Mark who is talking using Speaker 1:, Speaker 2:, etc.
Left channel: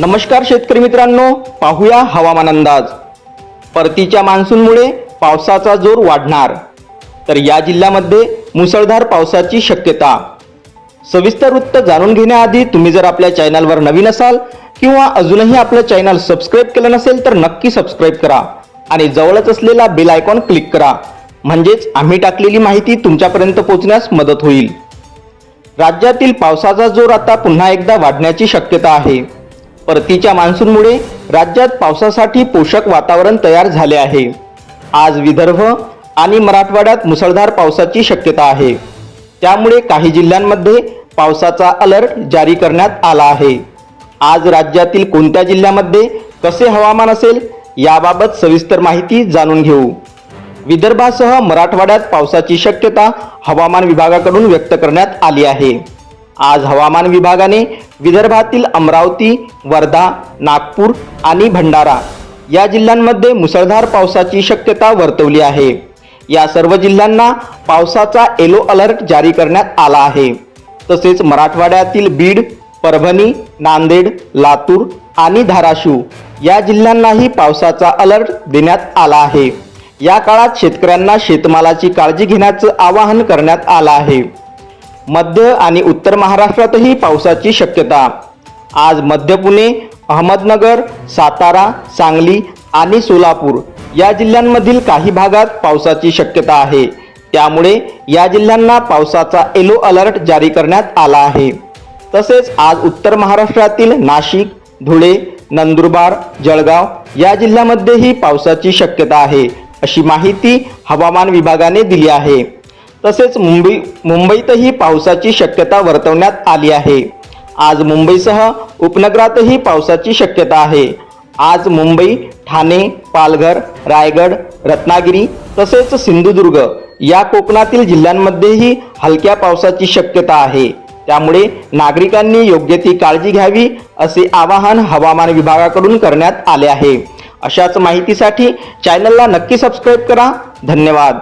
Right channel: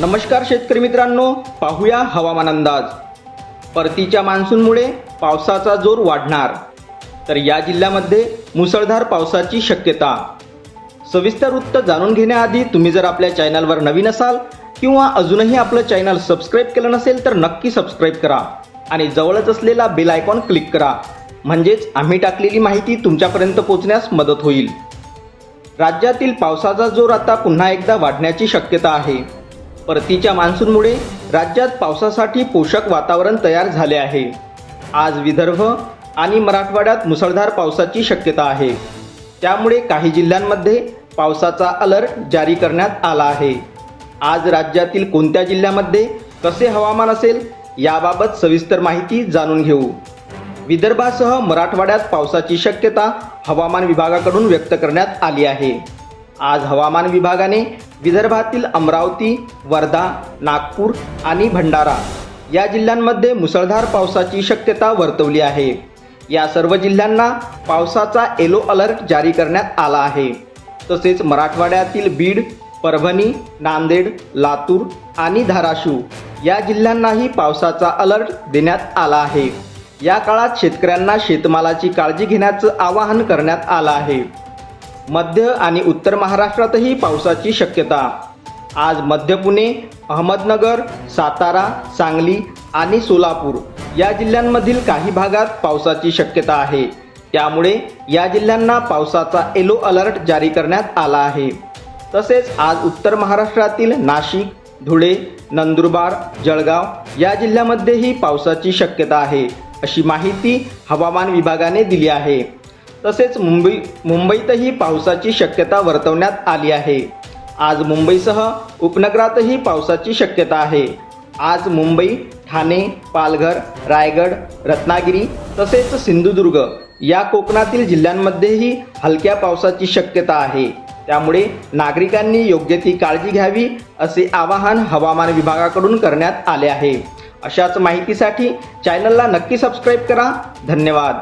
Speaker 1: नमस्कार शेतकरी मित्रांनो पाहूया हवामान अंदाज. परतीच्या मान्सूनमुळे पावसाचा जोर वाढणार. तर या जिल्ह्यामध्ये मुसळधार पावसाची शक्यता. सविस्तर वृत्त जाणून घेण्याआधी तुम्ही जर आपल्या चॅनलवर नवीन असाल किंवा अजूनही आपलं चॅनल सबस्क्राईब केलं नसेल तर नक्की सबस्क्राईब करा आणि जवळच असलेला बेल आयकॉन क्लिक करा. म्हणजेच आम्ही टाकलेली माहिती तुमच्यापर्यंत पोहोचण्यास मदत होईल. राज्यातील पावसाचा जोर आता पुन्हा एकदा वाढण्याची शक्यता आहे. परतीच्या मान्सूनमुळे राज्यात पावसासाठी पोषक वातावरण तयार झाले आहे. आज विदर्भ आणि मराठवाड्यात मुसळधार पावसाची शक्यता आहे. त्यामुळे काही जिल्ह्यांमध्ये पावसाचा अलर्ट जारी करण्यात आला आहे. आज राज्यातील कोणत्या जिल्ह्यामध्ये कसे हवामान असेल याबाबत सविस्तर माहिती जाणून घेऊ. विदर्भासह मराठवाड्यात पावसाची शक्यता हवामान विभागाकडून व्यक्त करण्यात आली आहे. आज हवामान विभागाने विदर्भातील अमरावती वर्धा नागपूर आणि भंडारा या जिल्ह्यांमध्ये मुसळधार पावसाची शक्यता वर्तवली आहे. या सर्व जिल्ह्यांना पावसाचा येलो अलर्ट जारी करण्यात आला आहे. तसेच मराठवाड्यातील बीड परभणी नांदेड लातूर आणि धाराशिव या जिल्ह्यांनाही पावसाचा अलर्ट देण्यात आला आहे. या काळात शेतकऱ्यांना शेतमालाची काळजी घेण्याचं आवाहन करण्यात आलं आहे. मध्य आणि उत्तर महाराष्ट्रातही पावसाची शक्यता. आज मध्य पुणे अहमदनगर सातारा सांगली आणि सोलापूर या जिल्ह्यांमधील काही भागात पावसाची शक्यता आहे. त्यामुळे या जिल्ह्यांना पावसाचा येलो अलर्ट जारी करण्यात आला आहे. तसेच आज उत्तर महाराष्ट्रातील नाशिक धुळे नंदुरबार जळगाव या जिल्ह्यामध्येही पावसाची शक्यता आहे अशी माहिती हवामान विभागाने दिली आहे. तसेच मुंबई मुंबईतही पावसाची शक्यता वर्तवण्यात आली आहे. आज मुंबईसह उपनगरातही पावसाची शक्यता आहे. आज मुंबई ठाणे पालघर रायगड रत्नागिरी तसेच सिंधुदुर्ग या कोकणातील जिल्ह्यांमध्येही हलक्या पावसाची शक्यता आहे. त्यामुळे नागरिकांनी योग्य ती काळजी घ्यावी असे आवाहन हवामान विभागाकडून करण्यात आले आहे. अशाच माहितीसाठी चॅनलला नक्की सबस्क्राईब करा. धन्यवाद.